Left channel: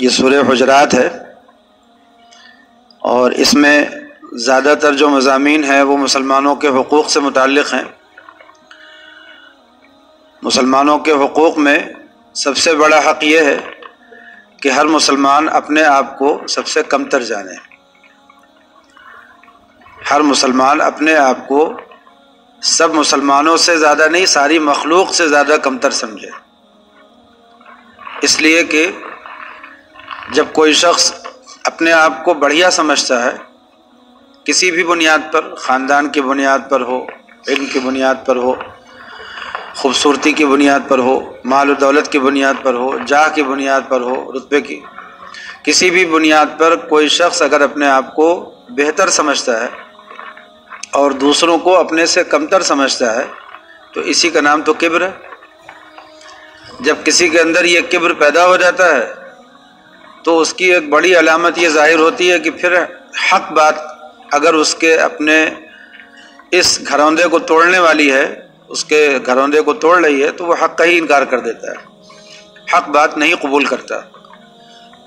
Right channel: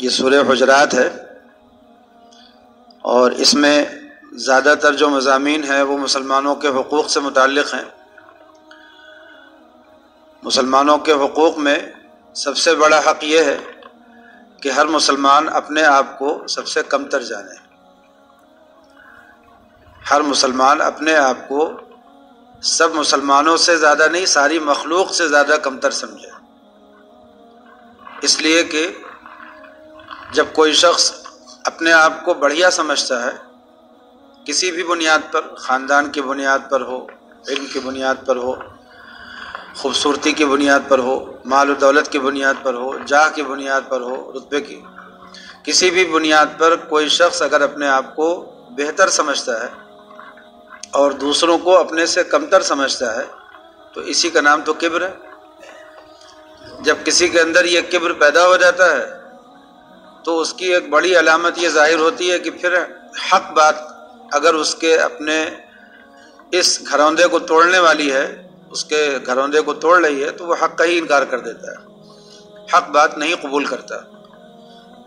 یہ سورہ حجرات ہے، اور اس میں زیادہ تر جو مضامین ہیں وہ مسلمانوں کے حقوق سے متعلق ہیں۔ مسلمانوں کے حقوق میں سب سے بڑا حق یہ ہے کہ ہر مسلمان اپنے آپ کو سب سے کمتر جانے، ہر مسلمان اپنے آپ کو سب مسلمانوں سے زیادہ نہیں، ساری مخلوق سے زیادہ کمتر سمجھے۔ اس لیے کہ جب کوئی شخص اپنے آپ کو بڑھیا سمجھتا ہے، کسی بھی بنیاد پر، خاندان کی بنیاد پر ہو، علم کی بنیاد پر ہو، خوبصورتی کی بنیاد پر ہو، مال و دولت کی بنیاد پر ہو، جاہ کی بنیاد پر ہو، رتبے کی، کسی بھی بنیاد پر کوئی شخص اگر اپنے آپ کو بہتر سمجھتا ہے اور دوسروں کو اپنے سے کمتر سمجھتا ہے تو اسی کا نام تو کبر ہے۔ جب کسی کے اندر یہ کبر پیدا ہو جاتا ہے تو اس کی ایک بڑی علامت یہ ظاہر ہوتی ہے کہ پھر حق بات اگر اس کے اپنے اس گھروندے کو توڑنے والی ہے، اس کے گھروندے کو توڑ رہی ہے، تو وہ حق کا ہی انکار کر دیتا ہے، حق بات نہیں قبول کرتا۔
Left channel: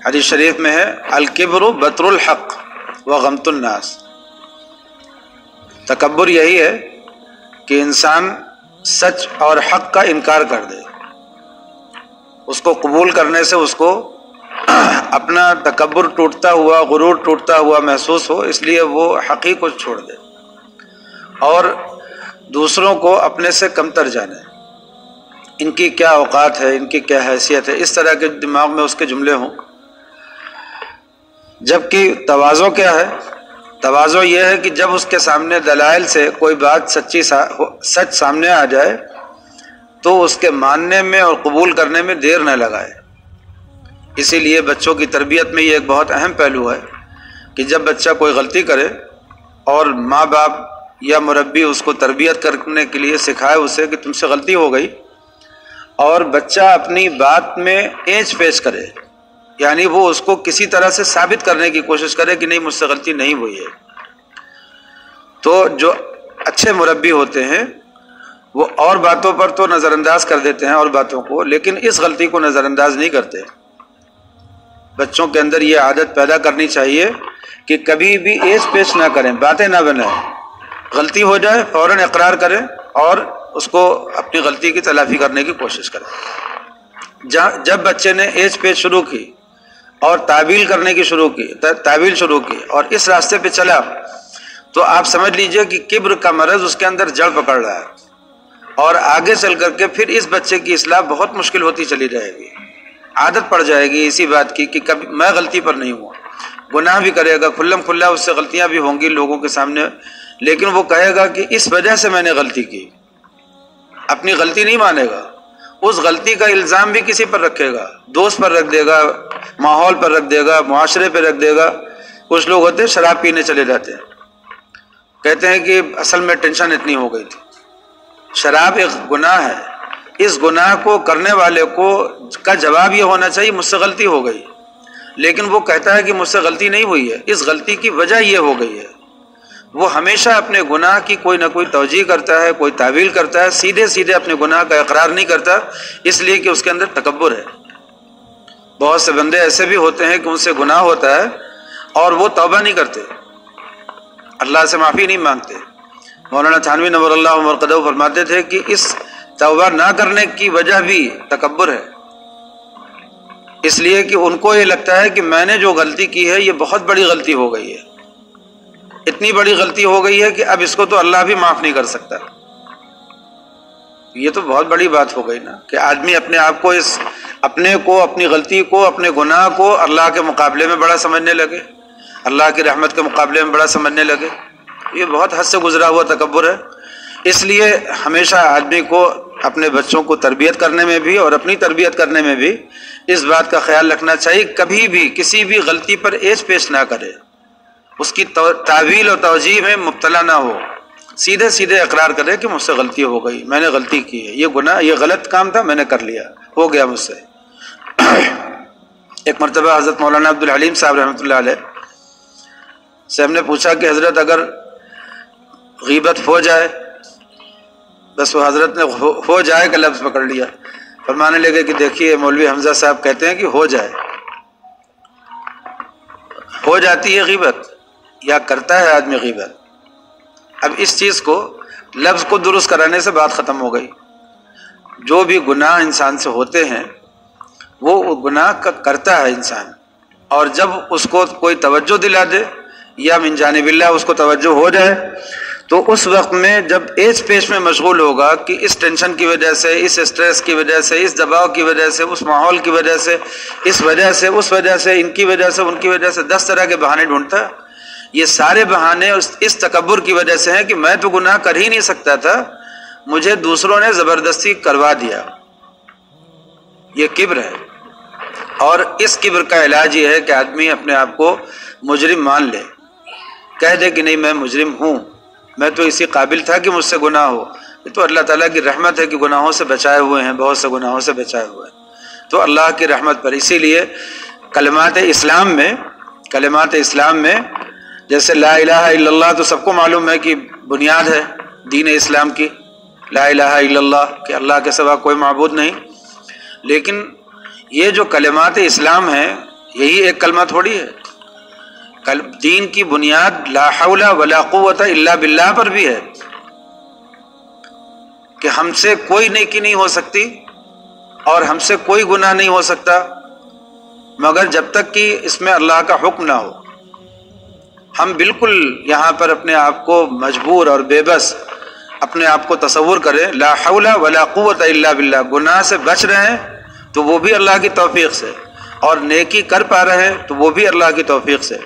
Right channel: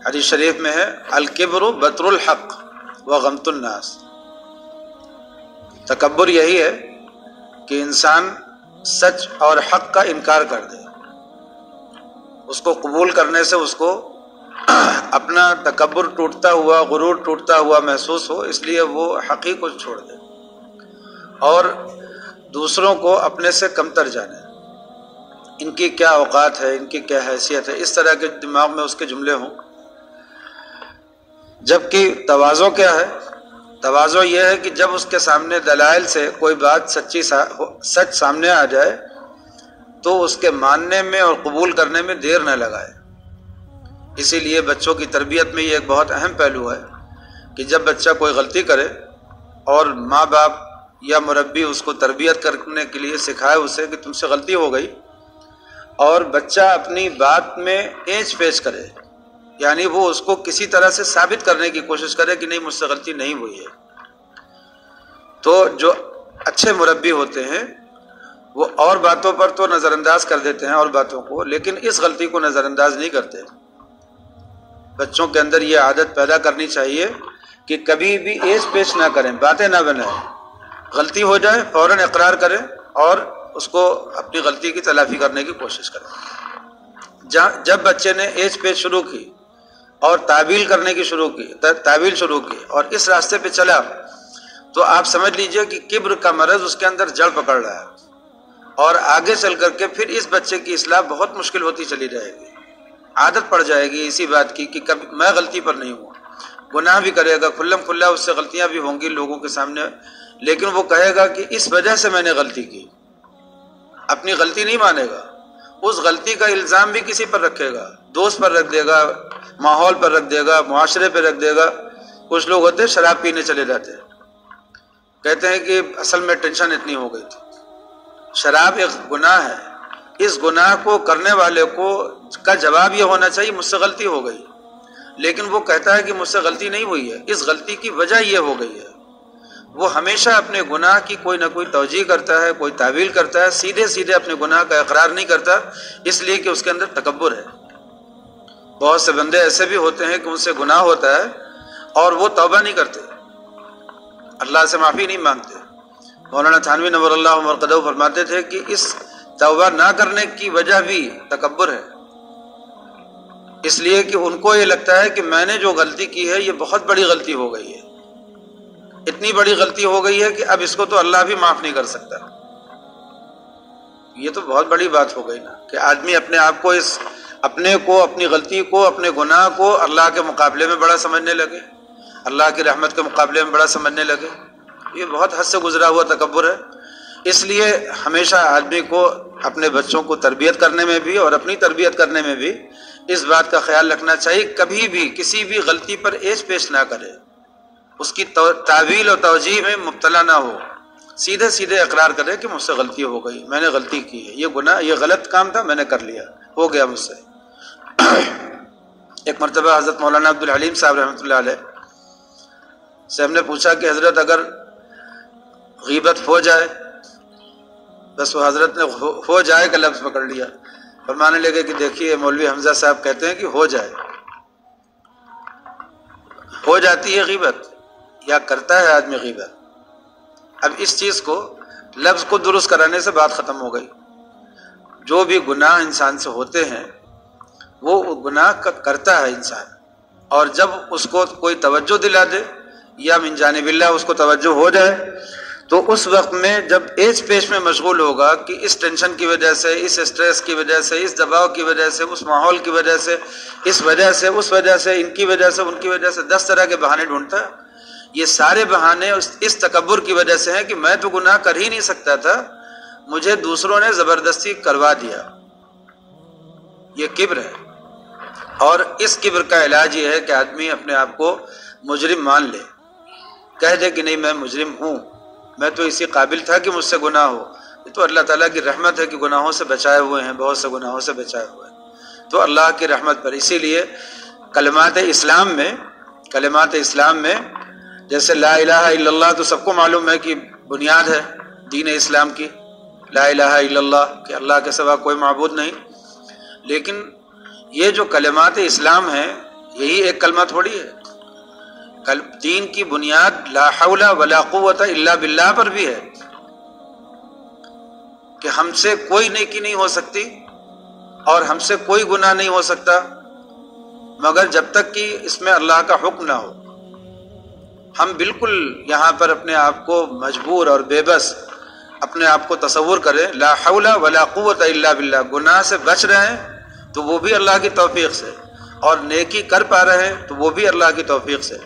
حدیث شریف میں ہے الکبر بطر الحق وغمط الناس، تکبر یہی ہے کہ انسان سچ اور حق کا انکار کر دے، اس کو قبول کرنے سے اس کو اپنا تکبر ٹوٹتا ہوا، غرور ٹوٹتا ہوا محسوس ہو، اس لیے وہ حق ہی کو چھوڑ دے اور دوسروں کو اپنے سے کمتر جانے، ان کی کیا اوقات ہے، ان کی کیا حیثیت ہے، اس طرح کے دماغ میں اس کے جملے ہوں۔ جبکہ تواضع کیا ہے؟ تواضع یہ ہے کہ جب اس کے سامنے دلائل سے کوئی بات سچ سامنے آ جائے تو اس کے ماننے میں اور قبول کرنے میں دیر نہ لگائے۔ اسی لیے بچوں کی تربیت میں یہ ایک بہت اہم پہلو ہے کہ جب بچہ کوئی غلطی کرے اور ماں باپ یا مربی اس کو تربیت کرنے کے لیے سکھائے اسے کہ تم سے غلطی ہو گئی، اور بچہ اپنی بات میں اینچ پیچ کرے، یعنی وہ اس کو کسی طرح سے ثابت کرنے کی کوشش کرے کہ نہیں مجھ سے غلطی نہیں ہوئی ہے، تو جو اچھے مربی ہوتے ہیں وہ اور باتوں پر تو نظر انداز کر دیتے ہیں اور باتوں کو، لیکن اس غلطی کو نظر انداز نہیں کرتے۔ بچوں کے اندر یہ عادت پیدا کرنی چاہیے کہ کبھی بھی ایس پیش نہ کریں، باتیں نہ بنائیں، غلطی ہو جائے فوراً اقرار کریں اور اس کو اپنی غلطی کی تلافی کرنے کی کوشش کریں۔ جب بچے نے ایس پیش شروع کی اور تعویل کرنے کی تعویل شروع کی اور اس راستے پہ چلا تو آپ سمجھ لیجئے کہ کبر کا مرض اس کے اندر جڑ پکڑ رہا ہے، اور آگے چل کر کے پھر اس بچے کی اصلاح بہت مشکل ہوتی چلی جائے گی۔ عادت پڑ جائے گی اسی بات کی کہ کبھی میں غلطی پر نہیں ہوا، گناہ بھی کرے گا، کھلم کھلا اس سے غلطیاں بھی ہوں گی لوگوں کے سامنے، لیکن وہ کہے گا کہ اس وجہ سے میں نے غلطی کی، اپنی غلطی نہیں مانے گا، اس غلطی کا الزام بھی کسی پر رکھے گا، دوست پر رکھ دے گا، ماحول پر رکھ دے گا، معاشرے پر رکھ دے گا۔ کچھ لوگ ہوتے ہیں شراب پینے چلے جاتے ہیں، کہتے ہیں کہ اصل میں ٹینشن اتنی ہو گئی تھی۔ شراب ایک گناہ ہے، اس گناہ کو کرنے والے کا جواب یہ ہونا چاہیے مجھ سے غلطی ہو گئی، لیکن وہ کہتا ہے کہ مجھ سے غلطی نہیں ہوئی ہے، اس غلطی کی وجہ یہ ہو گئی ہے۔ وہ ہمیشہ اپنے گناہ کی کوئی نہ کوئی توجیہ کرتا ہے، کوئی تعویل کرتا ہے، سیدھے سیدھے اپنے گناہ کا اقرار نہیں کرتا، اس لیے کہ اس کے اندر تکبر ہے۔ بہت سے بندے ایسے بھی ہوتے ہیں کہ ان سے گناہ ہوتا ہے اور وہ توبہ نہیں کرتے، اللہ سے معافی نہیں مانگتے۔ مولانا تھانوی نور اللہ مرقدہ فرماتے تھے کہ اس توبہ نہ کرنے کی وجہ بھی تکبر ہے، اس لیے کہ ان کو یہ لگتا ہے کہ میں نے جو غلطی کی ہے یہ بہت بڑی غلطی ہو گئی ہے، اتنی بڑی غلطی ہو گئی ہے کہ اب اس کو تو اللہ بھی معاف نہیں کر سکتا۔ یہ تو بہت بڑی بات ہو گئی نا کہ آدمی اپنے آپ کو اپنی غلطی کو، اپنے گناہ کو اللہ کے مقابلے میں بڑا سمجھنے لگے، اللہ کی رحمت کے مقابلے میں بڑا سمجھنے لگے۔ یہ بہت حد سے گزرا ہوا تکبر ہے۔ اس لیے ہمیشہ آدمی کو اپنے بچوں کو تربیت کرنے میں بھی اور اپنی تربیت کرنے میں بھی اس بات کا خیال رکھنا چاہیے کبھی بھی کسی بھی غلطی پر ایس پیش نہ کرے، اس کی تعویل اور توجیہ میں مبتلا نہ ہو، سیدھے سیدھے اقرار کرے کہ مجھ سے غلطی ہو گئی، میں نے غلطی کی ہے، یہ گناہ، یہ غلط کام تھا، میں نے کر لیا، ہو گیا مجھ سے۔ ایک مرتبہ حضرت مولانا عبدالحلیم صاحب رحمۃ اللہ علیہ سے ہم نے پوچھا کہ حضرت اگر غیبت ہو جائے، بس وہ حضرت نے ہو جائے کا لفظ پکڑ لیا، فرمانے لگے کہ دیکھیے مولوی حمزہ صاحب کہتے ہیں کہ ہو جائے، ہو جاتی ہے غیبت یا کرتا ہے آدمی غیبت. اب اس چیز کو لفظ کو درست کرانے سے بات ختم ہو گئی. جو بھی گناہ انسان سے ہوتے ہیں وہ گناہ کرتا ہے انسان، اور جب اس کو کوئی توجہ دلا دے یا من جانب اللہ اس کو توجہ ہو جائے تو اس وقت میں جب ایج پیش میں مشغول ہوگا کہ اس ٹینشن کی وجہ سے، اس اسٹریس کی وجہ سے، اس دباؤ کی وجہ سے، اس ماحول کی وجہ سے، اس وجہ سے، اس وجہ سے، ان کی وجہ سے، ان کی وجہ سے 10 طرح کے بہانے ڈھونڈتا ہے. یہ سارے بہانے اس تکبر کی وجہ سے ہیں کہ میں تو گناہ کر ہی نہیں سکتا تھا، مجھے دوسروں نے زبردستی کروا دیا. یہ کبر ہے، اور اس کبر کا علاج یہ ہے کہ آدمی اپنے آپ کو مجرم مان لے، کہہ دے کہ نہیں میں مجرم ہوں، میں تو اسی قابل تھا کہ مجھ سے گناہ ہو. یہ تو اللہ تعالیٰ کی رحمت ہے کہ گناہوں سے بچائے ہوئے ہیں، بہت سے گناہوں سے بچائے ہوئے ہیں، تو اللہ کی رحمت پر. اسی لیے کلمات اسلام میں جیسے لا الہ الا اللہ تو سب کو معلوم ہے کہ بنیاد ہے دین اسلام کی، لا الہ الا اللہ کہ اللہ کے سوا کوئی معبود نہیں. لیکن یہ جو کلمات اسلام ہیں یہی ایک کلمہ تھوڑی ہے. دین کی بنیاد لا حول ولا قوت الا باللہ پر بھی ہے کہ ہم سے کوئی نیکی نہیں ہو سکتی اور ہم سے کوئی گناہ نہیں ہو سکتا مگر جب تک کہ اس میں اللہ کا حکم نہ ہو. ہم بالکل یہاں پر اپنے آپ کو مجبور اور بے بس اپنے آپ کو تصور کریں لا حول ولا قوت الا باللہ، گناہ سے بچ رہے ہیں تو وہ بھی اللہ کی توفیق سے، اور نیکی کر پا رہے ہیں تو وہ بھی اللہ کی توفیق سے.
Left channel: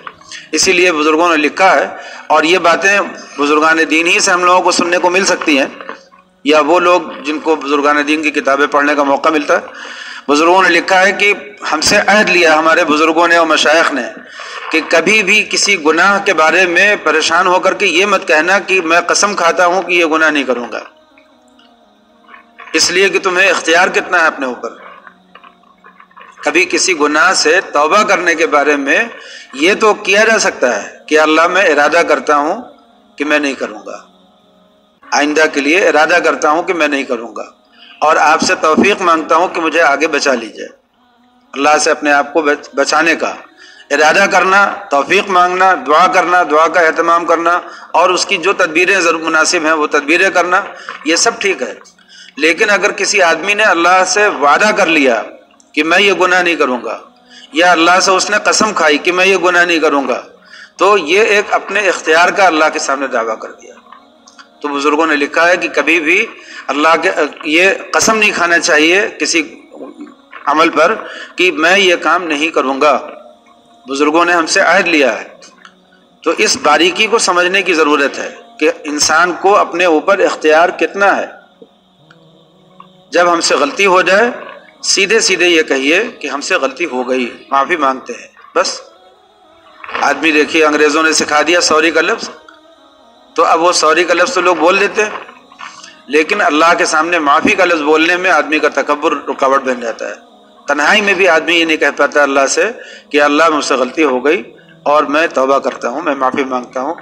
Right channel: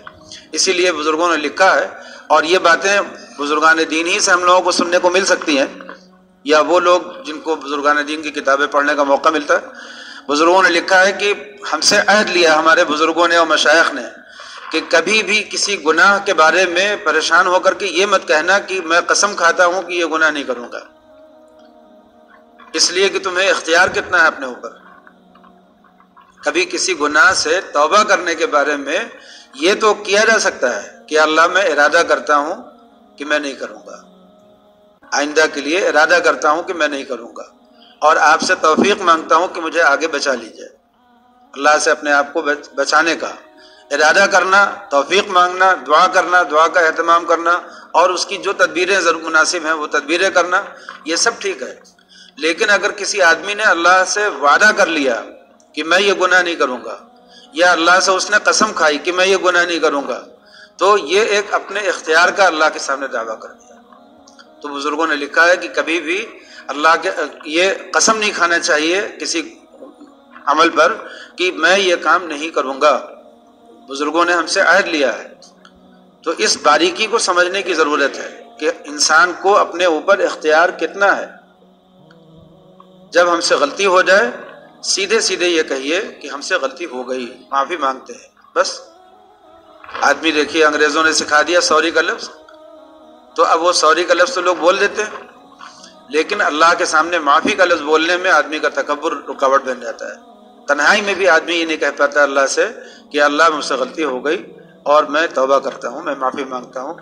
اسی لیے بزرگوں نے لکھا ہے، اور یہ باتیں بزرگان دین ہی سے ہم لوگوں کو سننے کو مل سکتی ہیں، یا وہ لوگ جن کو بزرگان دین کی کتابیں پڑھنے کا موقع ملتا ہے. بزرگوں نے لکھا ہے کہ ہم سے عہد لیا ہمارے بزرگوں نے اور مشائخ نے کہ کبھی بھی کسی گناہ کے بارے میں پریشان ہو کر کے یہ مت کہنا کہ میں قسم کھاتا ہوں کہ یہ گناہ نہیں کروں گا، اس لیے کہ تمہیں اختیار کتنا ہے اپنے اوپر. کبھی کسی گناہ سے توبہ کرنے کے بارے میں یہ تو کیا جا سکتا ہے کہ اللہ میں ارادہ کرتا ہوں کہ میں نہیں کروں گا، آئندہ کے لیے ارادہ کرتا ہوں کہ میں نہیں کروں گا، اور آپ سے توفیق مانگتا ہوں کہ مجھے آگے بچا لیجئے. اللہ سے اپنے آپ کو بچانے کا ارادہ کرنا، توفیق مانگنا، دعا کرنا، دعا کا اہتمام کرنا، اور اس کی جو تدبیریں ضرور مناسب ہیں وہ تدبیریں کرنا، یہ سب ٹھیک ہے. لیکن اگر کسی آدمی نے اللہ سے وعدہ کر لیا کہ میں یہ گناہ نہیں کروں گا، یا اللہ سے اس نے قسم کھائی کہ میں یہ گناہ نہیں کروں گا، تو یہ ایک اپنے اختیار کا اللہ کے سامنے دعویٰ کر دیا. تو بزرگوں نے لکھا ہے کہ کبھی بھی اللہ کے یہ قسم نہیں کھانا چاہیے کسی عمل پر کہ میں یہ کام نہیں کروں گا. بزرگوں نے ہم سے عہد لیا ہے. تو اس باریکی کو سمجھنے کی ضرورت ہے کہ انسان کو اپنے اوپر اختیار کتنا ہے. جب ہم سے غلطی ہو جائے سیدھے سیدھے یہ کہیے کہ ہم سے غلطی ہو گئی، معافی مانگتے ہیں، بس. آدمی دیکھیے انگریزوں نے سکھا دیا سوری کا لفظ، تو اب وہ سوری کا لفظ تو لوگ بول دیتے ہیں، لیکن اللہ کے سامنے معافی کا لفظ بولنے میں آدمی کا تکبر رکاوٹ بن جاتا ہے. تنہائی میں بھی آدمی یہ نہیں کہہ پاتا اللہ سے کہ اللہ مجھ سے غلطی ہو گئی اور میں توبہ کرتا ہوں، میں معافی مانگتا ہوں،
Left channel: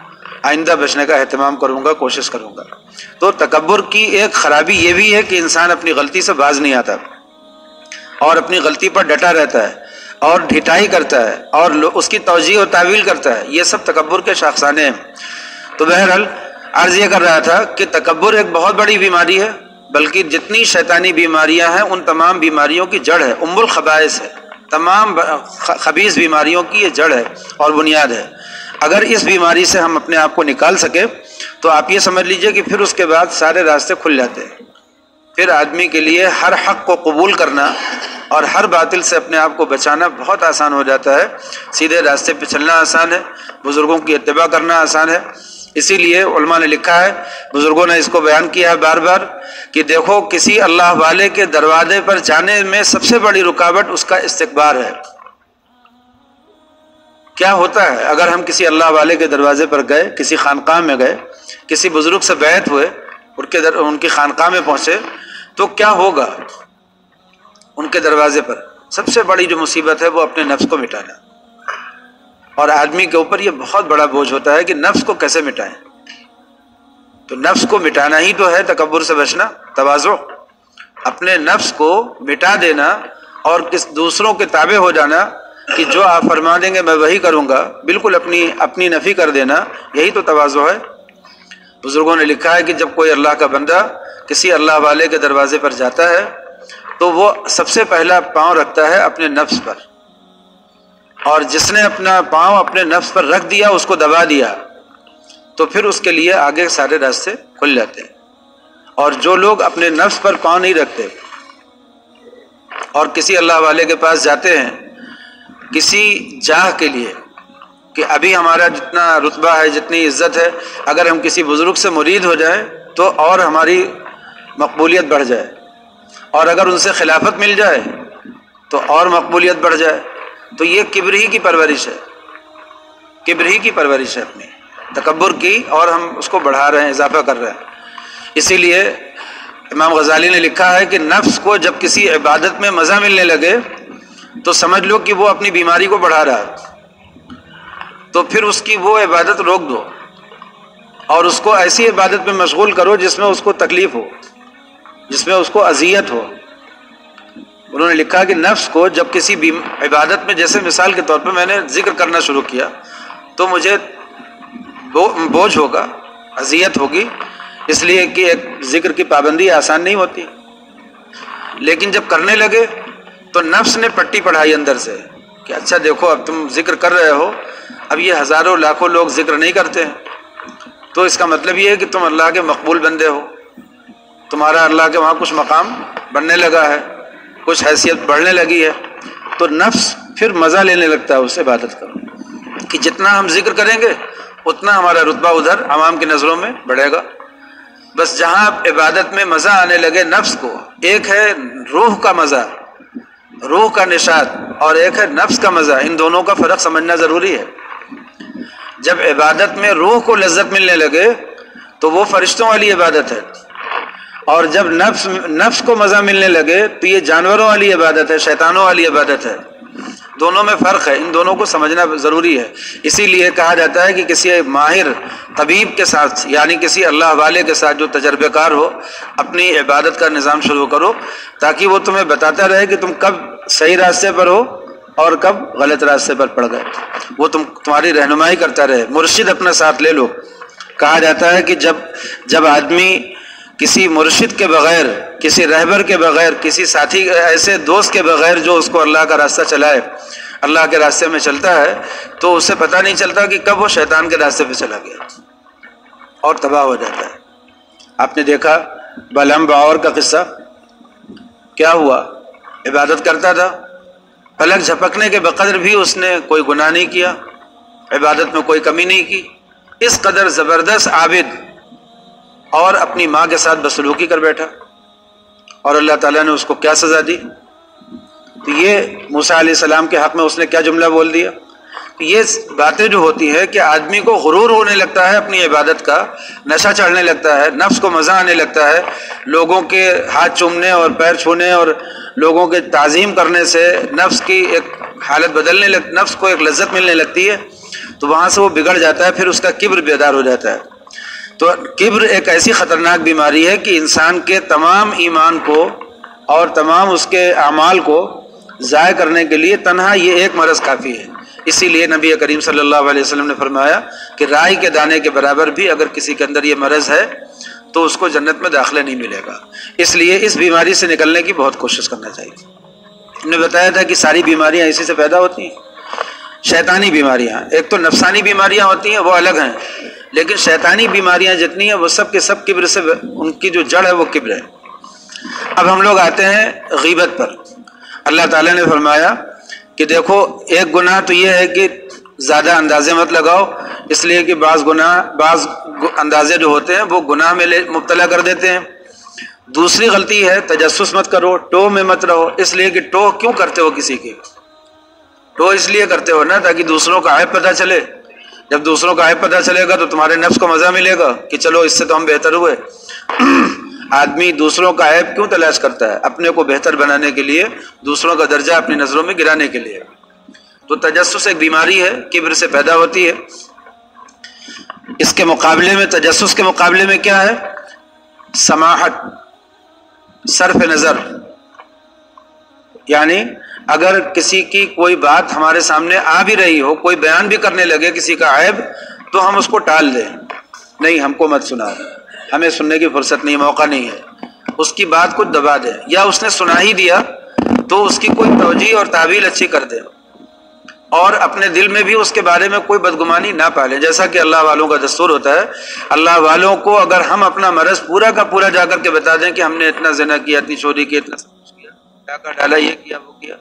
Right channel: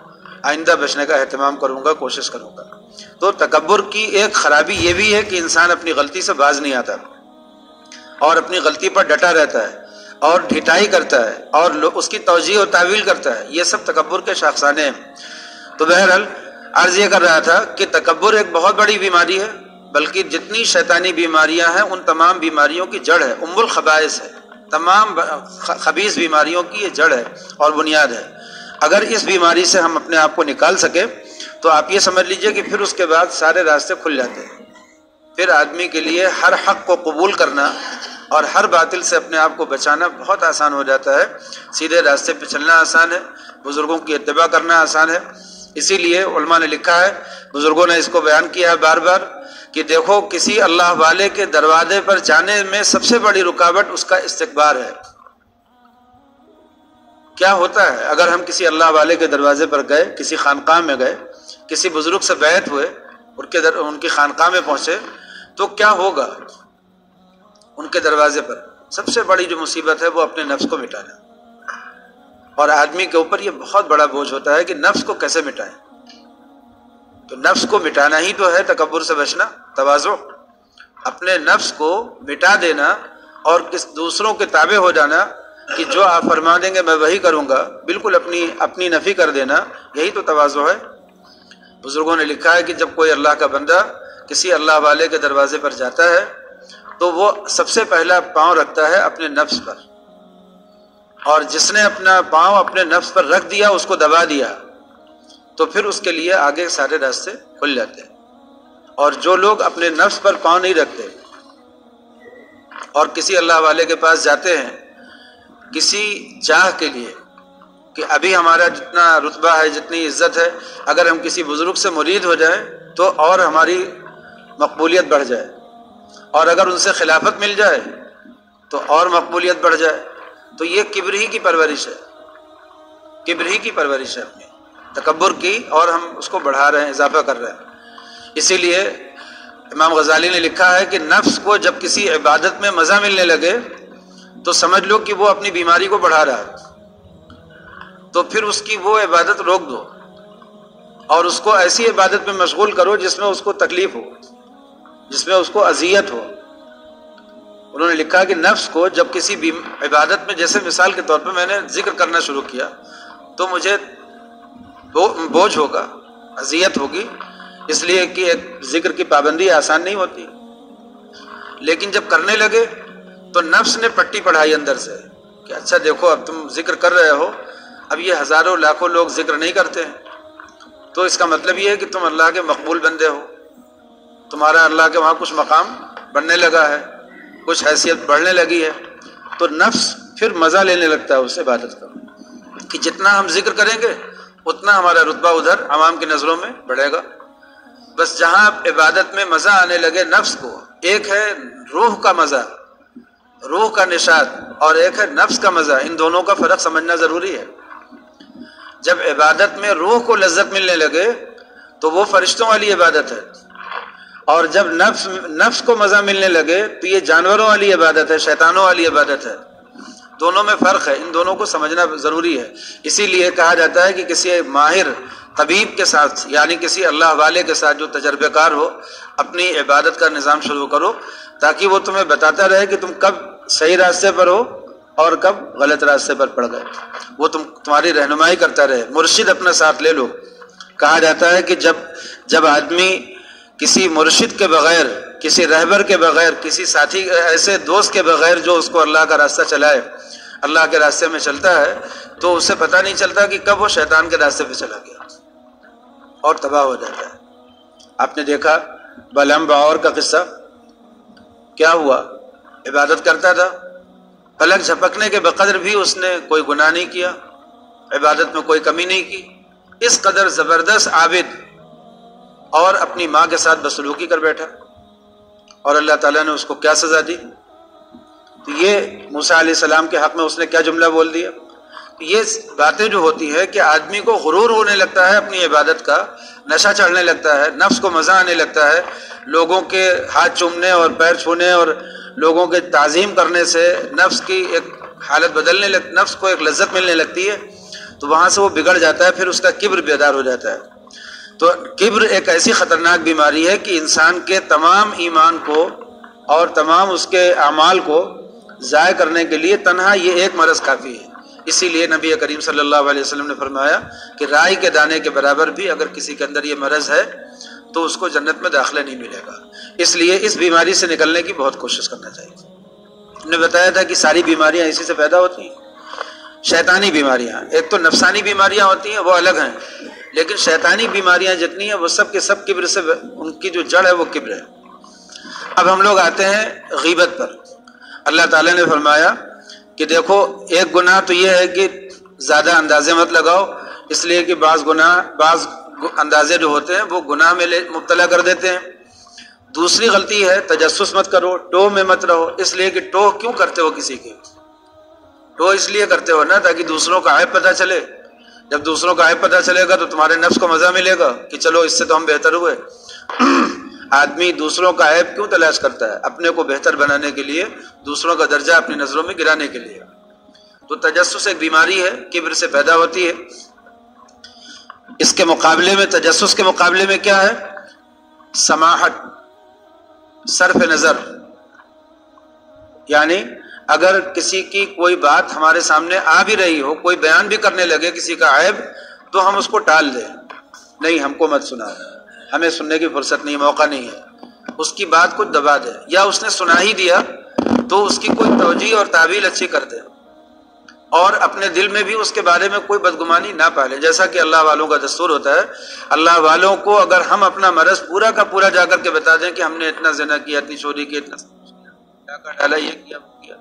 آئندہ بچنے کا اہتمام کروں گا، کوشش کروں گا. تو تکبر کی ایک خرابی یہ بھی ہے کہ انسان اپنی غلطی سے باز نہیں آتا اور اپنی غلطی پر ڈٹا رہتا ہے اور ڈھٹائی کرتا ہے اور اس کی توجیہ و تعویل کرتا ہے. یہ سب تکبر کے شاخسانے ہیں. تو بہرحال عرض یہ کر رہا تھا کہ تکبر ایک بہت بڑی بیماری ہے، بلکہ جتنی شیطانی بیماریاں ہیں ان تمام بیماریوں کی جڑ ہے، ام الخبائث ہے. تمام خبیث بیماریوں کی یہ جڑ ہے اور بنیاد ہے. اگر اس بیماری سے ہم اپنے آپ کو نکال سکے تو آپ یہ سمجھ لیجئے کہ پھر اس کے بعد سارے راستے کھل جاتے ہیں. پھر آدمی کے لیے ہر حق کو قبول کرنا اور ہر باطل سے اپنے آپ کو بچانا بہت آسان ہو جاتا ہے. سیدھے راستے پہ چلنا آسان ہے، بزرگوں کی اتباع کرنا آسان ہے. اسی لیے علماء نے لکھا ہے، بزرگوں نے اس کو بیان کیا ہے بار بار کہ دیکھو کسی اللہ والے کے دروازے پر جانے میں سب سے بڑی رکاوٹ اس کا استکبار ہے. کیا ہوتا ہے اگر ہم کسی اللہ والے کے دروازے پر گئے، کسی خانقاہ میں گئے، کسی بزرگ سے بیعت ہوئے، ان کی خانقاہ میں پہنچے، تو کیا ہوگا؟ ان کے دروازے پر سب سے بڑی جو مصیبت ہے وہ اپنے نفس کو مٹانا. اور آدمی کے اوپر یہ بہت بڑا بوجھ ہوتا ہے کہ نفس کو کیسے مٹائیں. تو نفس کو مٹانا ہی تو ہے تکبر سے بچنا، تواضع. اپنے نفس کو مٹا دینا اور دوسروں کے تابع ہو جانا کہ جو آپ فرما دیں گے میں وہی کروں گا، بالکل اپنی نفی کر دینا، یہی تو تواضع ہے۔ بزرگوں نے لکھا ہے کہ جب کوئی اللہ کا بندہ کسی اللہ والے کے دروازے پر جاتا ہے تو وہ سب سے پہلا پاؤں رکھتا ہے اپنے نفس پر، اور جس نے اپنا پاؤں اپنے نفس پر رکھ دیا، اس کو دبا دیا، تو پھر اس کے لیے آگے سارے راستے کھل جاتے ہیں۔ اور جو لوگ اپنے نفس پر پاؤں نہیں رکھتے اور کسی اللہ والے کے پاس جاتے ہیں کسی جاہ کے لیے کہ ابھی ہمارا جتنا رتبہ ہے، جتنی عزت ہے، اگر ہم کسی بزرگ سے مرید ہو جائیں تو اور ہماری مقبولیت بڑھ جائے، اور اگر ان سے خلافت مل جائے تو اور مقبولیت بڑھ جائے، تو یہ کبر ہی کی پرورش ہے، کبر ہی کی پرورش ہے، اپنی تکبر کی، اور ہم اس کو بڑھا رہے ہیں، اضافہ کر رہے ہیں۔ اسی لیے امام غزالی نے لکھا ہے کہ نفس کو جب کسی عبادت میں مزہ ملنے لگے تو سمجھ لو کہ وہ اپنی بیماری کو بڑھا رہا ہے، تو پھر اس کی وہ عبادت روک دو اور اس کو ایسی عبادت میں مشغول کرو جس میں اس کو تکلیف ہو، جس میں اس کو اذیت ہو۔ انہوں نے لکھا کہ نفس کو جب کسی عبادت میں، جیسے مثال کے طور پر میں نے ذکر کرنا شروع کیا تو مجھے بوجھ ہوگا، اذیت ہوگی، اس لیے کہ ایک ذکر کی پابندی آسان نہیں ہوتی، لیکن جب کرنے لگے تو نفس نے پٹی پڑھائی اندر سے کہ اچھا دیکھو اب تم ذکر کر رہے ہو، اب یہ ہزاروں لاکھوں لوگ ذکر نہیں کرتے ہیں، تو اس کا مطلب یہ ہے کہ تم اللہ کے مقبول بندے ہو، تمہارا اللہ کے وہاں کچھ مقام بننے لگا ہے، کچھ حیثیت بڑھنے لگی ہے، تو نفس پھر مزہ لینے لگتا ہے اس عبادت کا کہ جتنا ہم ذکر کریں گے اتنا ہمارا رتبہ ادھر عوام کی نظروں میں بڑھے گا۔ بس جہاں عبادت میں مزہ آنے لگے نفس کو، ایک ہے روح کا مزہ، روح کا نشاط، اور ایک ہے نفس کا مزہ، ان دونوں کا فرق سمجھنا ضروری ہے۔ جب عبادت میں روح کو لذت ملنے لگے تو وہ فرشتوں والی عبادت ہے، اور جب نفس کو مزہ ملنے لگے تو یہ جانوروں والی عبادت ہے، شیطانوں والی عبادت ہے۔ دونوں میں فرق ہے، ان دونوں کو سمجھنا ضروری ہے۔ اسی لیے کہا جاتا ہے کہ کسی ماہر طبیب کے ساتھ، یعنی کسی اللہ والے کے ساتھ جو تجربہ کار ہو، اپنی عبادت کا نظام شروع کرو، تاکہ وہ تمہیں بتاتا رہے کہ تم کب صحیح راستے پر ہو اور کب غلط راستے پر پڑ گئے، وہ تمہاری رہنمائی کرتا رہے، مرشد اپنا ساتھ لے لو۔ کہا جاتا ہے کہ جب آدمی کسی مرشد کے بغیر، کسی رہبر کے بغیر، کسی ساتھی ایسے دوست کے بغیر جو اس کو اللہ کا راستہ چلائے، اللہ کے راستے میں چلتا ہے، تو اسے پتہ نہیں چلتا کہ کب وہ شیطان کے راستے پہ چلا گیا اور تباہ ہو جاتا ہے۔ آپ نے دیکھا بالام باور کا قصہ، کیا ہوا؟ عبادت کرتا تھا، پلک جھپکنے کے بقدر بھی اس نے کوئی گناہ نہیں کیا، عبادت میں کوئی کمی نہیں کی، اس قدر زبردست عابد، اور اپنی ماں کے ساتھ بدسلوکی کر بیٹھا، اور اللہ تعالیٰ نے اس کو کیا سزا دی؟ تو یہ موسیٰ علیہ السلام کے حق میں اس نے کیا جملہ بول دیا؟ یہ باتیں جو ہوتی ہے کہ آدمی کو غرور ہونے لگتا ہے اپنی عبادت کا، نشہ چڑھنے لگتا ہے، نفس کو مزہ آنے لگتا ہے، لوگوں کے ہاتھ چومنے اور پیر چھونے اور لوگوں کے تعظیم کرنے سے نفس کی ایک حالت نفس کو ایک لذت ملنے لگتی ہے، تو وہاں سے وہ بگڑ جاتا ہے، پھر اس کا کبر بیدار ہو جاتا ہے۔ تو کبر ایک ایسی خطرناک بیماری ہے کہ انسان کے تمام ایمان کو اور تمام اس کے اعمال کو ضائع کرنے کے لیے تنہا یہ ایک مرض کافی ہے۔ اسی لیے نبی کریم صلی اللہ علیہ وسلم نے فرمایا کہ رائی کے دانے کے برابر بھی اگر کسی کے اندر یہ مرض ہے تو اس کو جنت میں داخلہ نہیں ملے گا۔ اس لیے اس بیماری سے نکلنے کی بہت کوشش کرنا چاہیے۔ ہم نے بتایا تھا کہ ساری بیماریاں اسی سے پیدا ہوتی ہیں۔ شیطانی بیماریاں، ایک تو نفسانی بیماریاں ہوتی ہیں، وہ الگ ہیں، لیکن شیطانی بیماریاں جتنی ہیں وہ سب کے سب کبر سے، ان کی جو جڑ ہے وہ کبر ہے۔ اب ہم لوگ آتے ہیں غیبت پر۔ اللہ تعالیٰ نے فرمایا کہ دیکھو ایک گناہ تو یہ ہے کہ زیادہ اندازے مت لگاؤ، اس لیے کہ بعض اندازے جو ہوتے ہیں وہ گناہ میں مبتلا کر دیتے ہیں۔ دوسری غلطی ہے تجسس مت کرو، ٹو میں مت رہو، اس لیے کہ ٹو کیوں کرتے ہو کسی کی؟ ٹو اس لیے کرتے ہو نا تاکہ دوسروں کا عیب پتہ چلے، جب دوسروں کا عیب پتہ چلے گا تو تمہارے نفس کو مزہ ملے گا کہ چلو اس سے تو ہم بہتر ہوئے۔ آدمی دوسروں کا عیب کیوں تلاش کرتا ہے؟ اپنے کو بہتر بنانے کے لیے، دوسروں کا درجہ اپنی نظروں میں گرانے کے لیے۔ تو تجسس ایک بیماری ہے، کبر سے پیدا ہوتی ہے۔ اس کے مقابلے میں، تجسس کے مقابلے میں کیا ہے؟ سماحت، صرف نظر، یعنی اگر کسی کی کوئی بات ہمارے سامنے آ بھی رہی ہو، کوئی بیان بھی کرنے لگے کسی کا عیب، تو ہم اس کو ٹال دیں، نہیں ہم کو مت سناؤ، ہمیں سننے کی فرصت نہیں، موقع نہیں ہے، اس کی بات کو دبا دیں، یا اس نے سنا ہی دیا تو اس کی کوئی توجیہ اور تعویل اچھی کر دیں، اور اپنے دل میں بھی اس کے بارے میں کوئی بدگمانی نہ پالیں، جیسا کہ اللہ والوں کا دستور ہوتا ہے۔ اللہ والوں کو اگر ہم اپنا مرض پورا کا پورا جا کر کے بتا دیں کہ ہم نے اتنا زنا کیا، اتنی چوری کی، اتنا کیا، ڈاکہ ڈالا، یہ کیا وہ کیا،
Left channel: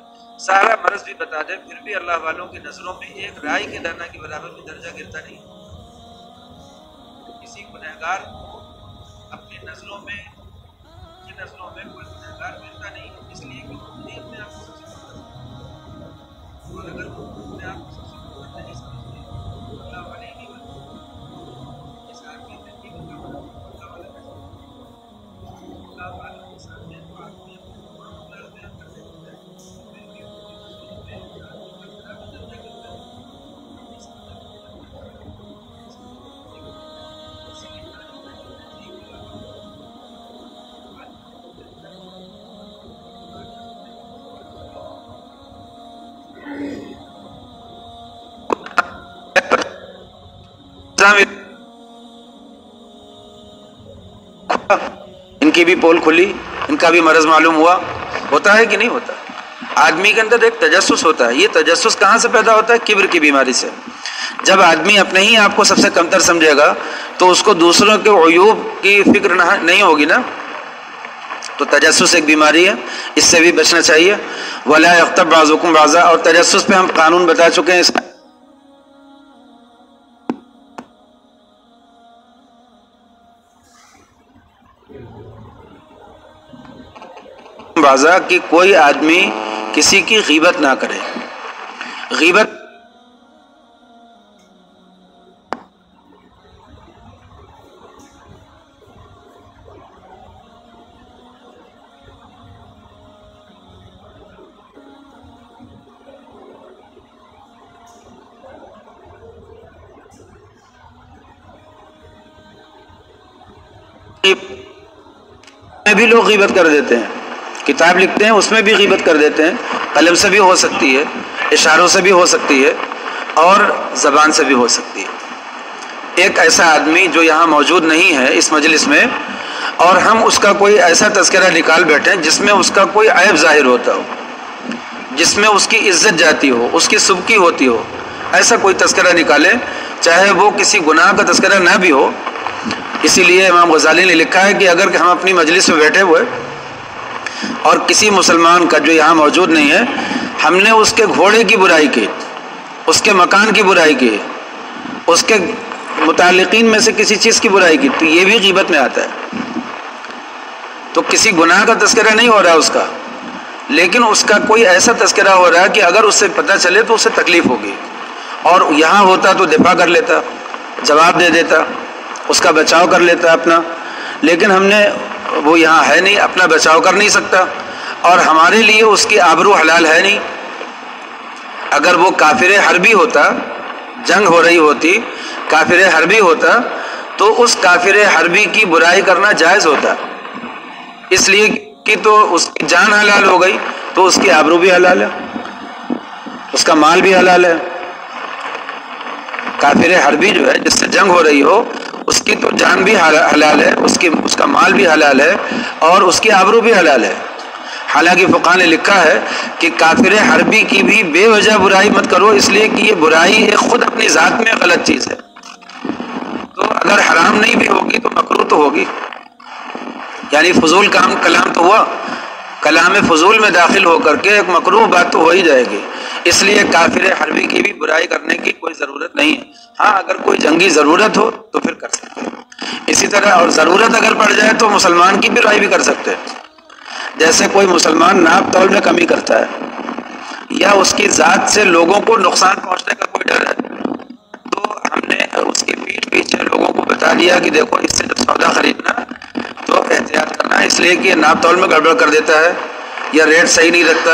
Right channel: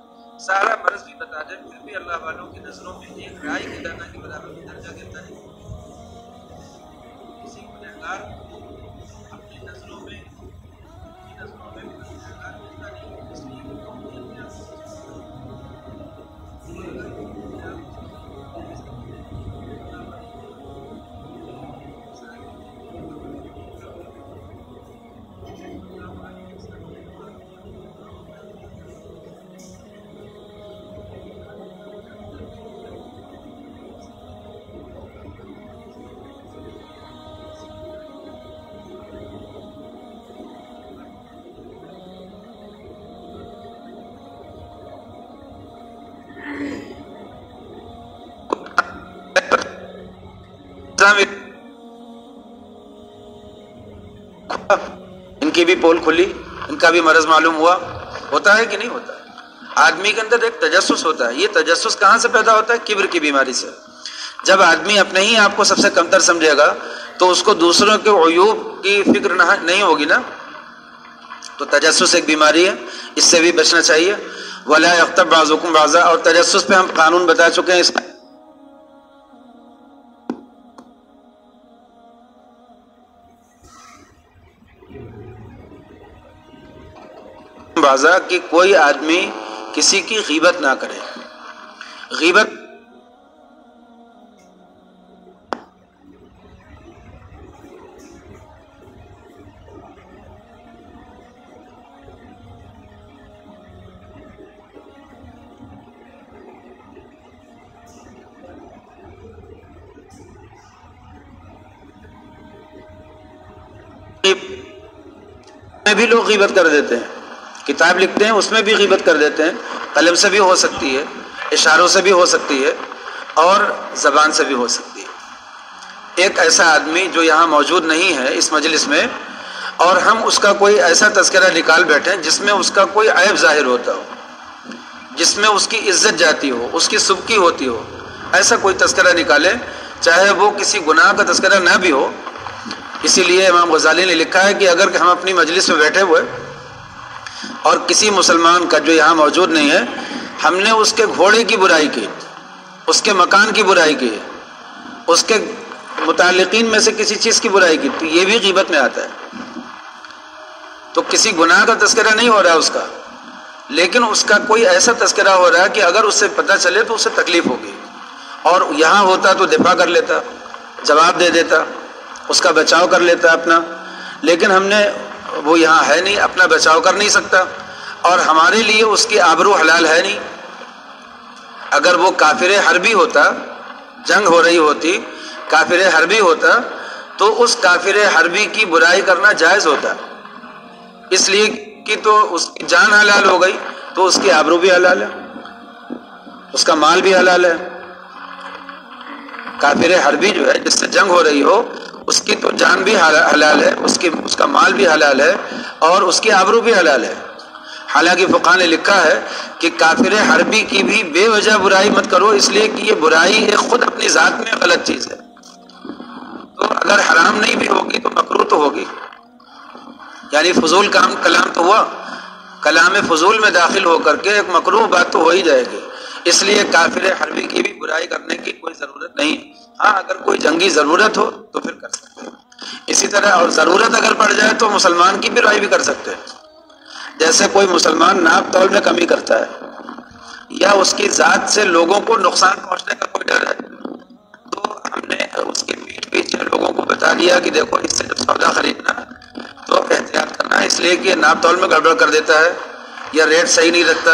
سارا مرض بھی بتا دیں، پھر بھی اللہ والوں کی نظروں میں ایک رائی کے دانہ کے برابر بھی درجہ گرتا نہیں۔ کسی گنہگار کو اپنی نظروں میں کوئی گنہگار ملتا نہیں، اس لیے کہ وہ اپنے آپ کو سب سے بڑا، اور اگر وہ اپنے آپ کو سب سے بڑا نہیں سمجھتے اللہ والے نہیں بنتے، اس آدمی نے بھی اللہ والے اللہ والے کے سامنے ان کی بھی پول کھلی، ان کا بھی مرض معلوم ہوا، ہوتا ہے کہ نہیں ہوتا؟ آدمی کے اندر ایک تجسس ہوتا ہے، یہ تجسس کہاں سے پیدا ہوتا ہے؟ کبر کی بیماری سے۔ جب آدمی اپنے ہی آپ کو سب سے کمتر سمجھے گا تو اس کو دوسروں کے عیوب کی فکر نہیں ہوگی نا، تو تجسس ایک بیماری ہے، اس سے بھی بچنا چاہیے۔ وَلَا يَغْتَبْ بَعْضُكُمْ بَعْضًا، اور تجسس پہ ہم قانون بتا چکے ہیں، اس بازا کہ کوئی آدمی کسی کی غیبت نہ کرے۔ غیبت میں بھی لوگ غیبت کر دیتے ہیں، کتاب لکھتے ہیں اس میں بھی غیبت کر دیتے ہیں، قلم سے بھی ہو سکتی ہے، اشاروں سے بھی ہو سکتی ہے، اور زبان سے بھی ہو سکتی ہے۔ ایک ایسا آدمی جو یہاں موجود نہیں ہے اس مجلس میں، اور ہم اس کا کوئی ایسا تذکرہ نکال بیٹھیں جس میں اس کا کوئی عیب ظاہر ہوتا ہو، جس میں اس کی عزت جاتی ہو، اس کی سبکی ہوتی ہو، ایسا کوئی تذکرہ نکالے، چاہے وہ کسی گناہ کا تذکرہ نہ بھی ہو۔ اسی لیے امام غزالی نے لکھا ہے کہ اگر ہم اپنی مجلس میں بیٹھے ہوئے اور کسی مسلمان کا جو یہاں موجود نہیں ہے، ہم نے اس کے گھوڑے کی برائی کی، اس کے مکان کی برائی کی، اس کے متعلقین میں سے کسی چیز کی برائی کی، تو یہ بھی غیبت میں آتا ہے۔ تو کسی گناہ کا تذکرہ نہیں ہو رہا اس کا، لیکن اس کا کوئی ایسا تذکرہ ہو رہا ہے کہ اگر اس سے پتہ چلے تو اسے تکلیف ہوگی، اور یہاں ہوتا تو دفاع کر لیتا، جواب دے دیتا، اس کا بچاؤ کر لیتا اپنا، لیکن ہم نے وہ یہاں ہے نہیں، اپنا بچاؤ کر نہیں سکتا، اور ہمارے لیے اس کی آبرو حلال ہے نہیں۔ اگر وہ کافر حربی ہوتا، جنگ ہو رہی ہوتی، کافر حربی ہوتا، تو اس کافر حربی کی برائی کرنا جائز ہوتا، اس لیے کہ تو اس کی جان حلال ہو گئی، تو اس کی آبرو بھی حلال ہے، اس کا مال بھی حلال ہے۔ کافر حربی جو ہے جس سے جنگ ہو رہی ہو، اس کی تو جان بھی حلال ہے، اس کا مال بھی حلال ہے، اور اس کی آبرو بھی حلال ہے۔ حالانکہ فقہ نے لکھا ہے کہ کافر حربی کی بھی بے وجہ برائی مت کرو، اس لیے کہ یہ برائی خود اپنی ذات میں غلط چیز ہے، تو اگر حرام نہیں بھی ہوگی تو مکروہ تو ہوگی، یعنی فضول کلام تو ہوا، کلام فضول میں داخل ہو کر کے ایک مکروہ بات تو ہو ہی جائے گی، اس لیے کافر حربی کی بھی برائی کرنے کی کوئی ضرورت نہیں۔ ہاں اگر کوئی جنگی ضرورت ہو تو پھر کر سکتے ہیں، اسی طرح اور ضرورت اگر پڑ جائے تو مسلمان کی برائی بھی کر سکتے ہیں۔ جیسے کوئی مسلمان ناپ تول میں کمی کرتا ہے، یا اس کی ذات سے لوگوں کو نقصان پہنچنے کا کوئی ڈر ہے، تو ہم نے اس کی پیٹھ پیچھے لوگوں کو بتا دیا کہ دیکھو اس سے جب سودا خریدنا تو احتیاط کرنا، اس لیے کہ ناپ تول میں گڑبڑ کر دیتا ہے، یا ریٹ صحیح نہیں رکھتا،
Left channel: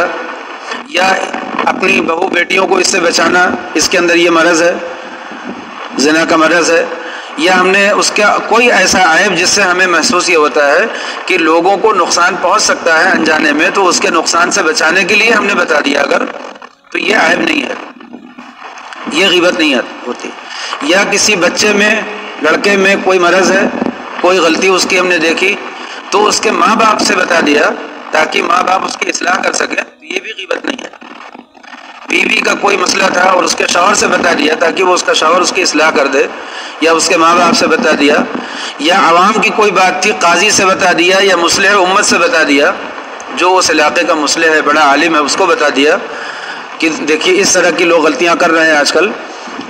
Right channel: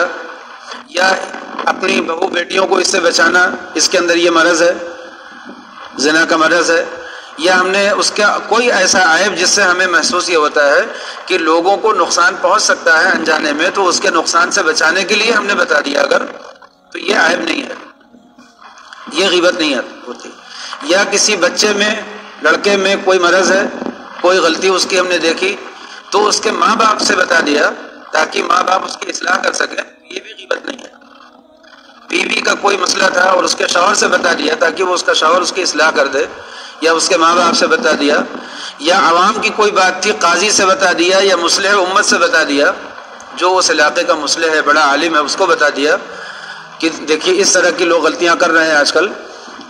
یا اپنی بہو بیٹیوں کو اس سے بچانا، اس کے اندر یہ مرض ہے، زنا کا مرض ہے، یا ہم نے اس کا کوئی ایسا عیب جس سے ہمیں محسوس یہ ہوتا ہے کہ لوگوں کو نقصان پہنچ سکتا ہے انجانے میں، تو اس کے نقصان سے بچانے کے لیے ہم نے بتا دیا اگر، تو یہ عیب نہیں ہے، یہ غیبت نہیں ہوتی۔ یا کسی بچے میں، لڑکے میں کوئی مرض ہے، کوئی غلطی اس کی ہم نے دیکھی تو اس کے ماں باپ سے بتا دیا تاکہ ماں باپ اس کی اصلاح کر سکیں، تو یہ بھی غیبت نہیں ہے۔ بیوی کا کوئی مسئلہ تھا اور اس کے شوہر سے بتا دیا تاکہ وہ اس کا شوہر اس کی اصلاح کر دے، یا اس کے ماں باپ سے بتا دیا، یا عوام کی کوئی بات تھی قاضی سے بتا دیا، یا مصلح امت سے بتا دیا، جو اس علاقے کا مصلح ہے، بڑا عالم ہے، اس کو بتا دیا کہ دیکھیے اس طرح کی لوگ غلطیاں کر رہے ہیں آج کل،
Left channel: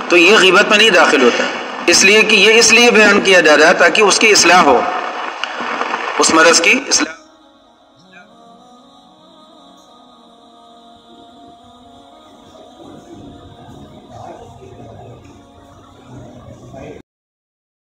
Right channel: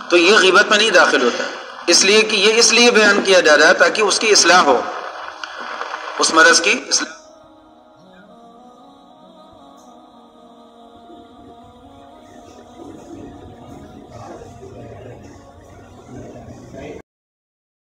تو یہ غیبت میں نہیں داخل ہوتا، اس لیے کہ یہ اس لیے بیان کیا جا رہا ہے تاکہ اس کی اصلاح ہو، اس مرض کی اصلاح